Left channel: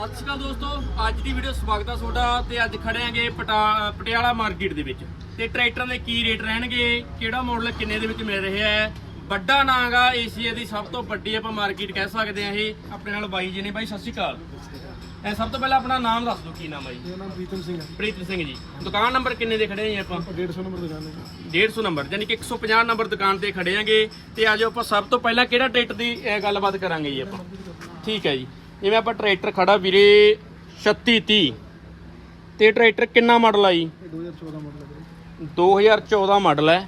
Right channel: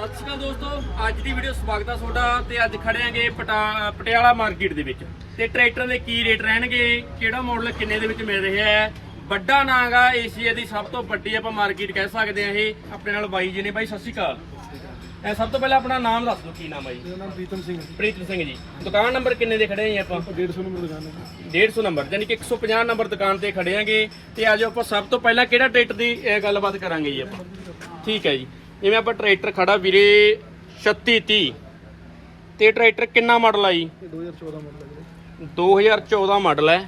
ਸਤਿ ਸ਼੍ਰੀ ਅਕਾਲ ਦੋਸਤੋ ਅੱਜ ਦੀ ਵੀਡੀਓ ਸਵਾਗਤ ਹੈ ਤੁਹਾਡਾ ਤੇ ਅੱਜ ਖੜੇ ਆਂਗੇ ਪਟਾ- ਪਟਿਆਲਾ ਮਾਰਕੀਟ ਦੇ ਵਿੱਚ। ਤੇ ਟਰੈਕਟਰ ਦੇ ਕੀ ਰੇਟ ਰਹਿਣਗੇ ਕਿਹੜਾ ਮਾਡਲ ਕਿੰਨੇ ਦੇ ਵਿੱਚ ਮਿਲ ਰਿਹਾ ਹੈ? ਵੱਡਾ ਨਾਂਗਾ ਏਸ਼ੀਆ ਦੀ ਸਭ ਤੋਂ ਵੱਡੀ ਆਪਾਂ ਮਾਰਕੀਟ ਕਹਿ ਸਕਦੇ ਆ ਇਹ ਆਪਣੇ ਨਾਲ ਬਾਈ ਜੀ ਨੇ। ਬਾਈ ਸਤਿ ਸ਼੍ਰੀ ਅਕਾਲ। ਐ ਸਭ ਤੋਂ ਪਹਿਲਾਂ ਆਪਣਾ ਨਾਮ ਦੱਸ ਦਿਓ ਕੀ ਨਾਮ ਹੈ ਜੀ? ਮੇਰਾ ਨਾਮ ਪ੍ਰੀਤਮ ਸਿੰਘ ਹੈ ਪ੍ਰੀਤ ਸਿੰਘ ਜੀ। ਦੁਕਾਨ ਨੰਬਰ ਕਿੰਨੇ ਦੇ ਖੜੇ ਆਂ ਆਪਾਂ? 150 ਨੰਬਰ ਦੁਕਾਨ ਹੈ 150 ਨੰਬਰ ਯਾਨੀ ਕਿ 150 ਨੰਬਰ ਦੁਕਾਨ ਤੇ ਖੜੇ ਆਂਗੇ ਤੇ ਆਜੋ ਆਪਾਂ ਸਭ ਤੋਂ ਪਹਿਲਾਂ ਕਿਹੜਾ ਟਰੈਕਟਰ ਦੀ ਗੱਲਬਾਤ ਕਰਾਂਗੇ ਜੀ ਆਪਾਂ? ਠੀਕ ਹੈ ਜੀ। ਜਿਵੇਂ ਆਪਾਂ ਟਰੈਕਟਰ ਖੜਾ ਵੀਰੇ 3630 ਤੇ ਟਰੈਕਟਰ ਕਿੰਨਾ ਮਾਡਲ ਆ ਜੀ? ਇਹ 2014 ਮਾਡਲ ਹੈ 2014 ਮਾਡਲ ਹੈ।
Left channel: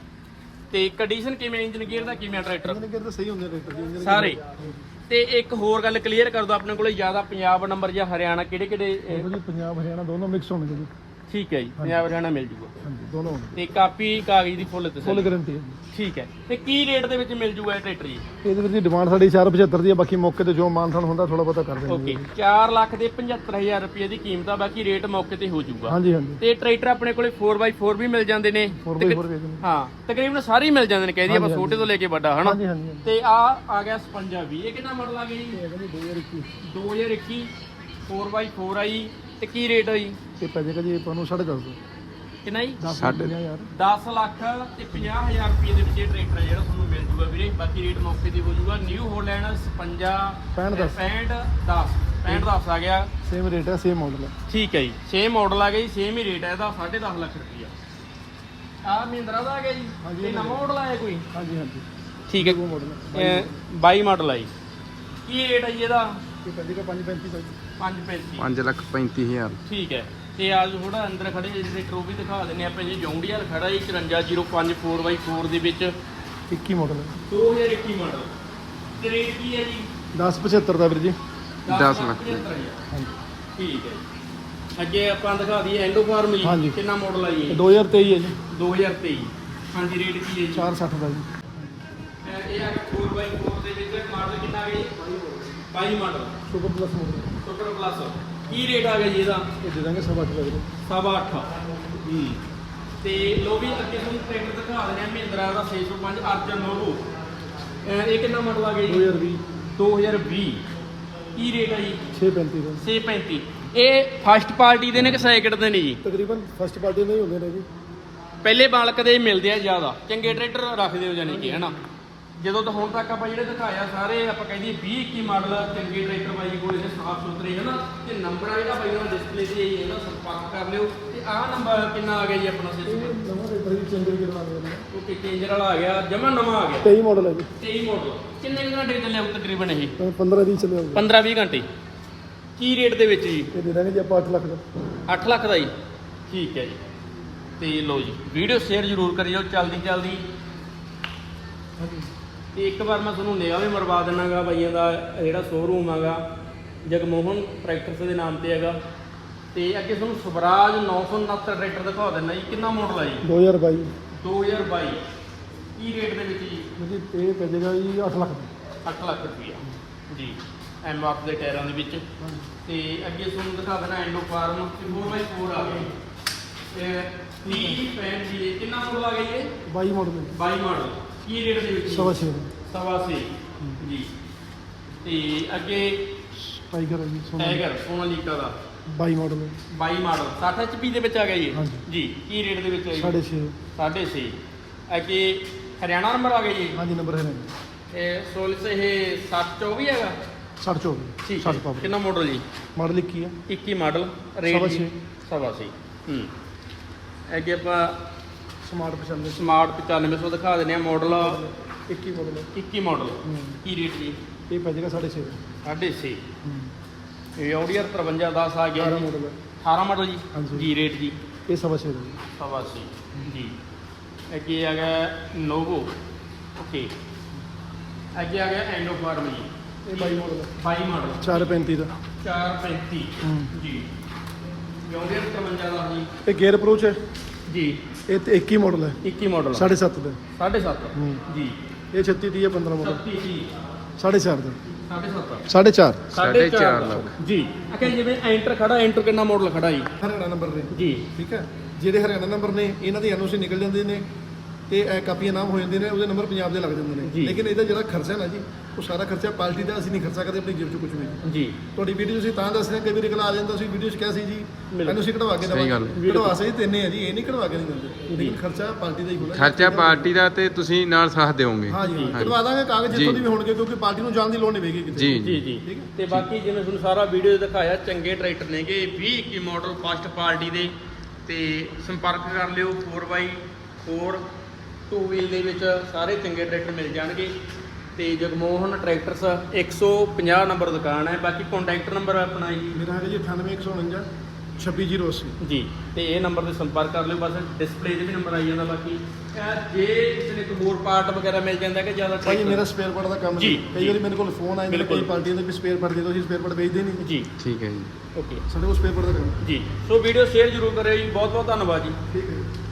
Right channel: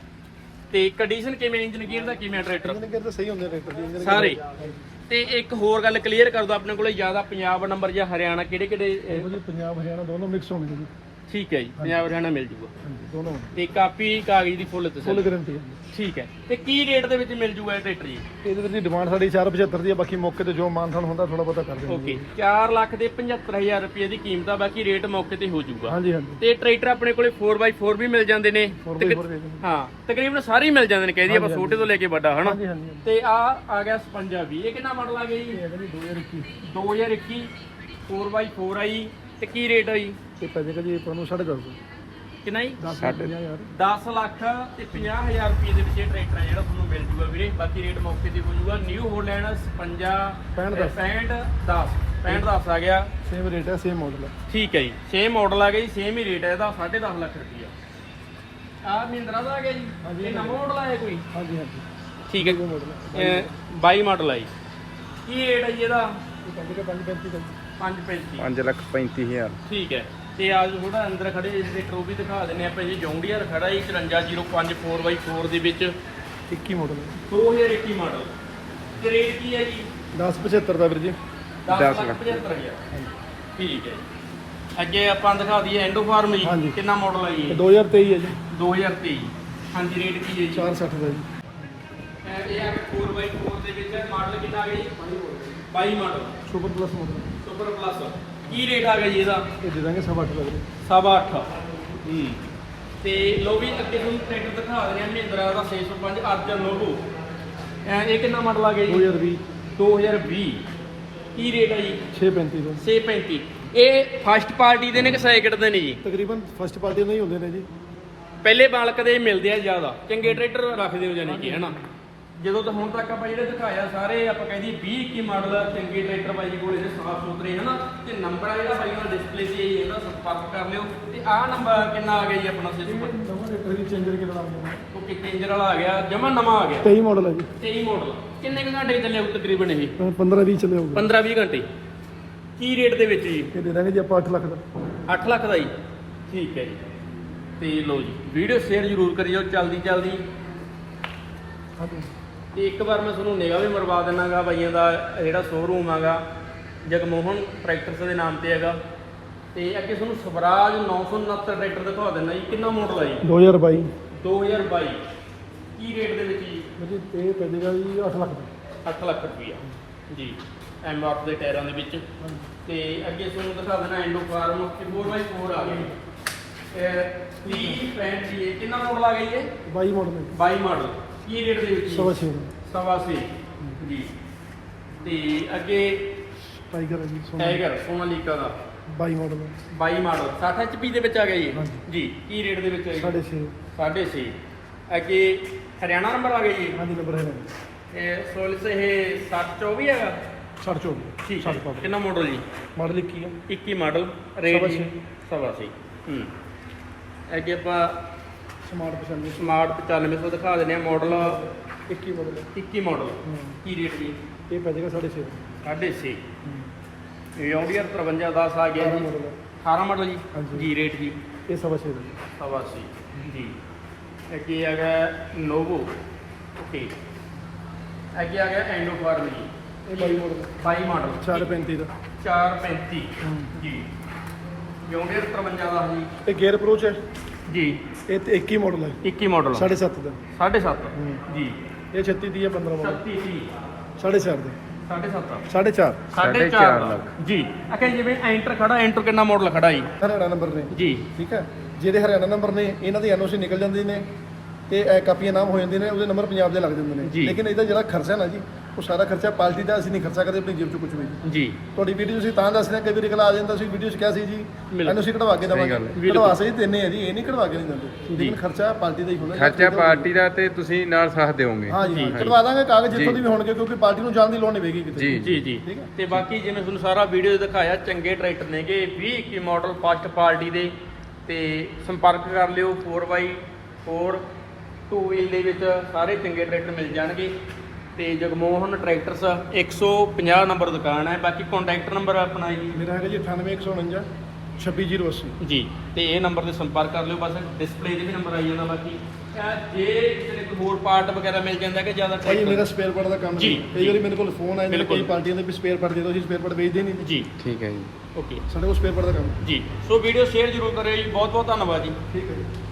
ਤੇ ਕੰਡੀਸ਼ਨ ਕਿਵੇਂ ਇੰਜਨ ਗੇਅਰ ਦਾ ਕਿਵੇਂ ਟਰੈਕਟਰ? ਇੰਜਨ ਗੇਅਰ ਤਾਂ ਸਹੀ ਹੁੰਦੇ ਇੰਜਨ ਸਾਰੇ। ਤੇ ਇੱਕ ਹੋਰ ਗੱਲ ਕਲੀਅਰ ਕਰ ਦੋ ਆਪਣੇ ਕੋਲੇ ਜ਼ਿਆਦਾ ਪੰਜਾਬ ਨੰਬਰ ਜਾਂ ਹਰਿਆਣਾ ਕਿਹੜੇ ਕਿਹੜੇ ਪੰਜਾਬ ਹਰਿਆਣਾ ਦੋਨੋਂ ਮਿਕਸ ਹੋਣਗੇ ਜੀ। ਠੀਕ ਹੈ ਜੀ ਪੰਜਾਬ ਹਰਿਆਣਾ ਮਿਲ ਜੂਗਾ। ਦੋਨੋਂ ਤੇ ਕਾਪੀ ਕਾਗਜ਼ ਦੀ ਫੁੱਲ ਫੁੱਲ ਤਸੱਲੀ ਗਾਰੰਟੀ ਹੈ। ਜੀ ਠੀਕ ਹੈ ਤੇ ਕੀ ਰੇਟ ਦੇ ਵਿੱਚ ਮਿਲ ਜੂਗਾ ਇਹ ਟਰੈਕਟਰ ਜੀ? ਇਹਦੇ ਵਿੱਚ ਡਿਮਾਂਡ ਸਾਡੀ 475 ਦੀ ਹੈ ਬਾਕੀ ਮੌਕੇ ਤੇ ਜੋ ਮਾਨਥਨ ਹੁੰਦਾ ਥੋੜਾ ਬਹੁਤਾ ਕਰ ਓਕੇ ਦਿੰਦੇ 4 ਲੱਖ ਦੇ 75000 ਰੁਪਏ ਦੀ ਕੀਮਤ ਆ ਬਾਕੀ ਰੇਟ ਮੌਕੇ ਤੇ ਹੋ ਜਾਊਗਾ ਹਾਂਜੀ ਹਾਂਜੀ। ਤੇ ਟਰੈਕਟਰ ਆਪਣੇ ਕੋਲੇ 4x4 ਵੀ ਮਿਲ ਜਾਂਦੇ ਨੇ। 4x4 ਵੀ ਹੈ ਹਾਂ ਤਕਰੀਬਨ ਸਾਰੇ ਹੀ ਮਿਲ ਜਾਂਦੇ ਨੇ ਕਹਿ ਦਈਏ ਆਪਾਂ ਹਾਂਜੀ, ਛੋਟੇ ਤੋਂ ਲੈ ਕੇ ਵੱਡਾ ਹਨਾ? ਹਾਂਜੀ ਹਾਂਜੀ ਤੇ ਆ ਆ ਗਿਆ 56 ਵੀ ਇਹ ਕਿੰਨਾ ਮਾਡਲ ਆ ਗਿਆ ਜੀ? ਹਾਂਜੀ 2021 4x4 ਆਈ। ਤੇ ਕੀ ਰੇਟ ਹੋਈ ਤੇ ਪੈ ਜਾਏਗਾ ਜੀ ਤੁਹਾਨੂੰ 4.5 ਕਿੰਨਾ ਜੀ? 10 ਯਾਰ। 10 ਲੱਖ ਤੇ 50000 ਰੁਪਏ ਦੇ ਵਿੱਚ ਇਹ ਟਰੈਕਟਰ ਹੈ ਜਿਹੜਾ ਤੁਹਾਨੂੰ ਮਿਲ ਜੂਗਾ ਵੀਰੇ। ਬਾਕੀ ਰੇਟ ਮੌਕੇ ਤੇ ਹੋ ਜੂਗਾ। ਨਿਊ ਹੋਲੈਂਡ 56 65 10 65 10 65 10 ਆ ਗਿਆ। ਸੇਮ ਰੇਟ ਹੈ ਸੇਮ ਮਾਡਲ ਹੈ। ਠੀਕ ਹੈ ਜੀ। ਸੇਮ ਮਾਡਲ ਆ ਗਿਆ ਜੀ ਸੇਮ ਹੀ ਰੇਟ ਹੈ ਇਹਦਾ 10.5 ਲੱਖ ਰੁਪਈਆ। ਆ ਮਹਿੰਦਰਾ ਦਾ ਆ ਗਿਆ ਜੀ। ਇਹ ਨਵਾਂ ਮਾਡਲ ਆਇਆ ਕੋਈ? ਹਾਂਜੀ ਹਾਂਜੀ। ਠੀਕ ਹੈ। ਮਾਡਲ ਹੈ। ਇਹ 22 ਮਾਡਲ ਆ ਜੀ। ਕੀ ਰੇਟ ਹੈ ਜੀ ਇਹਦਾ? ਇਹ ਪੈ ਜਾਏਗਾ 535 ਦਾ ਜੀ 535 5 ਲੱਖ 35000 ਠੀਕ ਹੈ। ਤੇ ਆ ਜੋ ਥੋੜਾ ਅੰਦਰ ਖੜੇ ਇਸ ਦੇ ਟਰੋਫੀ ਦਿਖਾ ਦਿੰਨੇ ਆਪਾਂ ਜੀ ਜੌਂਡੀਅਰ ਖੜਾ ਜੀ 5405 4x4 ਦੇ ਵਿੱਚ। 21 ਮਾਡਲ ਹੈ। 2021 ਮਾਡਲ ਤੇ ਰੇਟ ਕੀ ਹੈ ਜੀ? 1075 ਦਾ ਵੀਰ ਜੀ। 10 ਲੱਖ। 75,000 ਹਾਂਜੀ। ਠੀਕ ਹੈ। ਅੱਗੇ ਆਪਾਂ ਦਿਖਾ ਦਈਏ ਐਂਡੋ ਫਾਰਮ ਜੀ। ਕਿੰਨਾ ਮਾਡਲ ਹੈ ਜੀ ਇਹ? 2023 ਹੈ ਜੀ। 2023 ਹਾਂਜੀ ਰੇਟ ਕੀ ਹੈ ਜੀ? 460 ਦਾ ਜੀ। ਇਹ ਆ 4x4 ਦੇ ਵਿੱਚ ਮਾਡਲ ਕਿੰਨਾ ਗਿਆ ਜੀ? 22 model super plus model super plus ਕੀ ਰੇਟ ਆ ਗਿਆ ਜੀ ਇਹਦਾ? ਇਹ ਦੇ ਦਾਂਗੇ ਸਵਾ ਅੱਠ ਲੱਖ ਦਾ ਸਵਾ ਅੱਠ। ਹੂੰ। ਤੇ ਲੋ ਵੀ ਅੱਗੇ ਤੁਹਾਨੂੰ ਟਰੈਕਟਰ ਦਿਖਾ ਦਿੰਦੇ ਆ ਮਹਿੰਦਰਾ ਦਾ 605 ਅਰਜਨ ਲੋਗੋ ਇਹ ਕਿੰਨਾ ਮਾਡਲ ਆ ਗਿਆ ਜੀ? 2020 2020 ਕੀ ਰੇਟ ਹੈ ਜੀ? 635 ਦਾ। 635 ਇਹ ਫਸਟ ਪਾਰਟੀ ਦੇ ਨੇ ਕਿ ਸੈਕਿੰਡ ਦੇ ਨੇ ਜੀ? ਤਕਰੀਬਨ ਫਸਟ ਪਾਰਟੀ ਨਹੀਂ ਹੁੰਦੇ ਨੇ ਜੀ। ਪਹਿਲੇ ਬਾਲਕ ਦੇ ਮਿਲਦੇ ਆ ਜ਼ਿਆਦਾ। ਚੰਗੇ ਟਰੈਕਟਰ ਰੱਖਦੇ ਹੋ ਜਾਨੀ ਕਿ ਹਨਾ? ਜਦੋਂ ਤਾਂ ਹੁਣ ਤੱਕ ਆਪਾਂ ਜਿਹੜੇ ਦਿਖਾਇਆ ਸਾਰੇ ਆਪਾਂ ਕਹਿੰਦੇ 20 21 ਮਾਡਲ ਚੰਗੇ ਟਰੈਕਟਰ ਬਾਈ ਕੋਲ ਸਾਫ਼ ਸੁਥਰੇ ਹਨਾ ਤੇ ਨੰਬਰ ਆ ਜਿਹੜਾ ਬਾਈ ਉਹਨਾਂ ਡਿਸਪਲੇ ਤੇ ਇਹਦਾ ਸੰਪਰਕ ਕਰ ਲਿਓ। ਤੇ ਆਹ ਨੰਬਰ ਕਿੰਨਾ ਆ ਗਿਆ ਜੀ ਆਪਣਾ ਸਿਸਟਮ ਕੋਈ ਚੰਗੇ ਕਿੰਨਾ ਇੰਜਨ ਵਾਲਾ ਆ ਗਿਆ? ਜਮਾ ਨਵਾਂ ਆ ਗਿਆ। 23 ਮਾਡਲ ਹੈ ਜੀ। 23 ਮਾਡਲ ਕਿੰਨੇ ਘੰਟੇ ਚੱਲਿਆ ਉਹ ਤਕਰੀਬਨ ਇਹ? ਹੁਣ 15 20 ਚੱਲੇ ਹੋਗੇ 15 20 ਘੰਟੇ। ਕੀ ਰੇਟ ਦੇ ਵਿੱਚ ਜੀ? ਇਹ ਦੇ ਦਾਂਗੇ ਜੀ ਆਪਾਂ 8 ਲੱਖ ਦਾ। 8 ਲੱਖ ਦਾ ਜੀ? ਠੀਕ ਹੈ ਜੀ। ਤੇ ਲੋ ਜੀ ਵੀਡੀਓ ਸ਼ੇਅਰ ਜ਼ਰੂਰ ਕਰਿਓ ਜਲਦੀ ਜਲਦੀ ਤੇ ਇੱਕ ਵਾਰ ਮੈਂ ਤੁਹਾਨੂੰ ਨਿਗਾਹ ਵੀ ਮਰਵਾ ਦਿੰਨਾਗਾ ਬਾਈਆਂ ਦਾ ਜਿਹੜਾ ਸ਼ੋਰੂਮ ਹੈਗਾ ਜਗਮੋਹਨ ਟਰੈਕਟਰਸ ਦੇ ਨਾਮ ਤੇ ਹੈਗਾ। ਤੇ ਅੱਗੇ ਤੁਹਾਨੂੰ ਸਵਰਾਜ 969 ਟਰੈਕਟਰ ਦਿਖਾ ਦਿੰਦਾ ਜੀ। ਕਿੰਨਾ ਮਾਡਲ ਹੈ ਜੀ? 2022 2022 ਕੀ ਰੇਟ ਦੇ ਵਿੱਚ ਜੀ? ਇਹ ਪੈ ਜਾਏਗਾ ਜੀ 8 ਲੱਖ ਦਾ। 8 ਲੱਖ ਰੁਪਈਆ। ਜੀ। ਐਮ ਆਰ ਦੇ ਟਾਇਰਾਂ ਦੇ ਵਿੱਚ। ਤੇ ਅੱਗੇ ਤੁਹਾਨੂੰ ਦਿਖਾ ਦੇਣਾ ਐਂਡੋ ਫਾਰਮ। 4x4 ਆ ਗਈ ਇਹ 30 ਪੈਂਟ ਦੀ ਇਹ ਕਿੰਨਾ ਮਾਡਲ ਆ ਗਿਆ ਇਹ? 22 ਮਾਡਲ ਹੈ 22 ਮਾਡਲ ਕੀ ਰੇਟ ਦੇ ਵਿੱਚ ਸਵਾ ਛੇ। ਦਾ ਸਵਾ ਛੇ। ਜੀ। ਤੇ ਅੱਗੇ ਟਾਈਗਰ ਹੈ ਜੀ ਸੋਨਾ ਟਾਈਗਰ ਸੋਨਾਲੀਕਾ ਦਾ। 22 ਮਾਡਲ ਹੈ। 22 ਮਾਡਲ 60 HP ਦੇ ਵਿੱਚ ਆ ਗਿਆ ਜੀ। ਹਾਂਜੀ। ਜੀ ਕੀ ਰੇਟ ਦੇ ਵਿੱਚ ਆ ਜੀ? ਸਾਢੇ ਛੇ। 6.5 ਅੱਗੇ ਹਰਿਆਣਾ ਨੰਬਰ ਆ ਗਿਆ ਜੀ? ਹਾਂਜੀ ਨੰਬਰ ਹੈ ਇਹ ਸੋਲਿਸ ਇਹ 724 ਹੈਗਾ? 60 ਠੀਕ 60 ਹੈ ਪਾਵਰ ਕਿੰਨਾ ਮਾਡਲ ਜੀ? ਮਾਡਲ 21 ਹੈ। 21 ਮਾਡਲ ਰੇਟ ਸਵਾ ਜੀ? ਛੇ। ਸਵਾ ਛੇ। ਹੂੰ। ਅੱਗੇ ਆਪਾਂ ਸਮਾਰਟ 95 ਸਮਾਰਟ 9500 ਦਿਖਾ ਦਿੰਦੇ ਆ ਮਾਡਲ 21 ਮਾਡਲ ਹੈ। 21 ਮਾਡਲ ਹੂੰ। ਕੀ ਰੇਟ ਜੀ? ਇਹ ਪੈ ਜਾਏਗਾ ਸਾਢੇ ਛੇ। 6.5 ਇਹ ਆਡੀਅਰ 5310 ਆ ਗਿਆ 12 ਜੀ ਮਾਡਲ ਹੈ 18 ਮਾਡਲ ਜੀ? ਹਾਂਜੀ। ਜੀ ਰੇਟ ਜੀ। ਇਹ ਸਵਾ ਛੇ ਜੀ ਸਵਾ ਛੇ ਜੀ। ਅੱਗੇ ਆ ਗਿਆ ਨੋਵੋ। ਓਕੇ। ਅੱਗੇ ਆ ਗਿਆ ਐਂਡੋ ਫਾਰਮ ਜੀ ਇਹ 22 ਮਾਡਲ ਹੈ 22 ਮਾਡਲ 435 ਦਾ 435 ਹੂੰ। ਜੀ। ਆਡੀਅਰ 53 ਦਾ ਜੀ। ਇਹ ਗੇਅਰ ਅਪਰੋਚ ਹੈ? ਜੀ। ਇਹ ਤੇ 21 ਮਾਡਲ ਹੈ। 21 ਮਾਡਲ 7.5 ਦਾ। 7.5 ਹੂੰ। ਜੀ। ਇਹ 36 ਦੀ ਹੈ 15 ਮਾਡਲ 36 ਜੀ 4.5 ਦਾ। 7.5 4.5 ਸਾਢੇ ਚਾਰ ਲੱਖ। ਜੀ। ਅਖੇ ਜਿਵੇਂ ਐਂਟਰ ਖੜਾ ਐਂਟਰ ਕਿੰਨਾ ਮਾਡਲ ਖੜਾ ਜੀ? ਹਰਿਆਣਾ ਨੰਬਰ ਨੇ। ਜੀ। ਠੀਕ ਹੈ? ਜਿਹਦੇ ਹਰਿਆਣਾ ਨੰਬਰ ਨੇ ਇਹਨਾਂ ਦੀ ਐਨਓਸੀ ਨਿਕਲ ਜਾਂਦੀ ਨੇ। ਤੇ ਇਹ ਕਾਪੀਆਂ ਨਾਮ ਹੋ ਜਾਂਦੇ ਨੇ ਉਹਦੇ ਨੰਬਰ ਪੰਜਾਬ ਦੇ ਲੱਗ ਜਾਂਦੇ ਜੀ। ਨੇ ਲੇਕਿਨ ਇਹਦਾ ਜਿਹੜਾ ਖਰਚਾ ਨਾ ਜੀ ਉਹ ਸਾਰਾ ਖਰਚਾ ਪਾਰਟੀ ਦਾ ਅਸੀਂ ਨਹੀਂ ਖਰਚਾ ਕਰਦੇ ਆਪਣੀ ਜੇਬ ਚੋਂ ਕੁਝ ਵੀ। ਜੀ। ਤੁਹਾਡੀ ਵੀਡੀਓ ਤੁਸੀਂ ਤਾਂ ਦੱਸ ਰਹੇ ਹੋ, ਕਈ ਵਾਰੀ ਅਗਲਾ ਆ ਜਾਂਦਾ ਤੁਸੀਂ ਵੀਡੀਓ 'ਚ ਕਿਹਾ ਸੀ ਜੀ ਇਹਨੂੰ ਅਸੀਂ ਕਢਵਾ ਕੇ ਸਹੀ ਗੱਲ ਦੇਵਾਂਗੇ ਹੈ। ਕਢਵਾ ਸਹੀ ਦਿੰਨੇ ਆ ਜੀ ਇਹ ਨਹੀਂ ਕਢਵਾ ਕੇ ਨਹੀਂ ਦਿੰਦੇ। ਲੇਕਿਨ ਖਰਚਾ ਪਾਰਟੀ ਦਾ ਹੀ ਹੋਣਾ ਖਰਚਾ ਪਾਰਟੀ ਦਾ ਤੇ ਤੁਸੀਂ ਨਾਲ ਸਾਥ ਦਿਓਗੇ। ਹਾਂ ਜੀ ਹਾਂ। ਕਢਵਾ ਦਾਂਗੇ ਕਾਗਜ਼ ਜਿੱਥੋਂ। ਦੀ ਵੀ ਹੋਣਗੇ ਕਿਉਂਕਿ ਪਾਰਟੀ ਨੂੰ ਜਾਣ ਦੀ ਲੋੜ ਨਹੀਂ ਪਏਗੀ ਕਿਤੇ। ਜੀ ਜੀ। ਜੀ ਠੀਕ ਹੈ। ਤੇ ਬਾਕੀ ਜਿਵੇਂ ਤੁਹਾਨੂੰ ਸਾਰਾ ਵੀਡੀਓ ਦਿਖਾਇਆ ਚੰਗੇ ਟਰੈਕਟਰ ਨੇਗੇ 20 21 ਮਾਡਲ ਫਸਟ ਪਾਰਟੀ ਦੇ। ਤੇ ਸੰਪਰਕ ਕਰ ਲਿਓ 4x4 ਟੂ ਵੀਲ ਦੇ ਵਿੱਚ ਸਾਰੇ ਚੰਗੇ ਟਰੈਕਟਰ ਮਿਲ ਜਾਣਗੇ। ਤੇ ਜਗਮੋਹਨ ਟਰੈਕਟਰਸ 150 ਨੰਬਰ ਦੁਕਾਨ ਹੈ। ਬਾਕੀ ਕੰਟੈਕਟ ਨੰਬਰ ਆਪਣਾ ਜੀ ਮੇਰਾ ਹੈਗਾ ਜੀ 98149 26080 ਜੀ ਤੇ ਇਹ ਨੰਬਰ ਤੇ ਸੰਪਰਕ ਕਰ ਲਿਓ। ਬਸ ਡਿਸਪਲੇ ਤੇ ਵੀ ਨੰਬਰ ਆਈ ਜਾਂਦਾ ਬਾਕੀ। ਜੇ ਕਿਸੇ ਨੇ ਕੋਈ ਹੋਰ ਪਾਰਟ ਵਗੈਰਾ ਮਿਲ ਜਾਂਦਾ ਕਿ ਜ਼ਿਆਦਾ ਭਾਜੀ ਮੇਰਾ ਸਪੇਅਰ ਪਾਰਟ ਦਾ ਕੰਮ ਜੀ, ਨਹੀਂ। ਕਈ। ਵਾਰੀ ਮੇਰੇ ਕੋਲ ਫੋਨ ਆਏ ਨੇ ਬਿਲਕੁਲ। ਕਈ ਪਾਰਟੀਆਂ ਦੇ ਵੀ ਸਪੇਅਰ ਪਾਰਟ ਦੇ ਦਿਓ ਅਸੀਂ ਸਪੇਅਰ ਪਾਰਟ ਵੇਚਦੇ ਨਹੀਂ। ਜੀ। ਠੀਕ ਹੈ ਜੀ। ਓਕੇ ਸਾਡੇ ਕੋਲ ਸਪੇਅਰ ਪਾਰਟ ਦਾ ਕੰਮ ਜੀ। ਸੋ ਵੀਡੀਓ ਸ਼ੇਅਰ ਜ਼ਰੂਰ ਕਰਿਓ ਜੀ। ਬਹੁਤ ਬਹੁਤ ਧੰਨਵਾਦ ਜੀ। ਠੀਕ ਹੈ ਜੀ।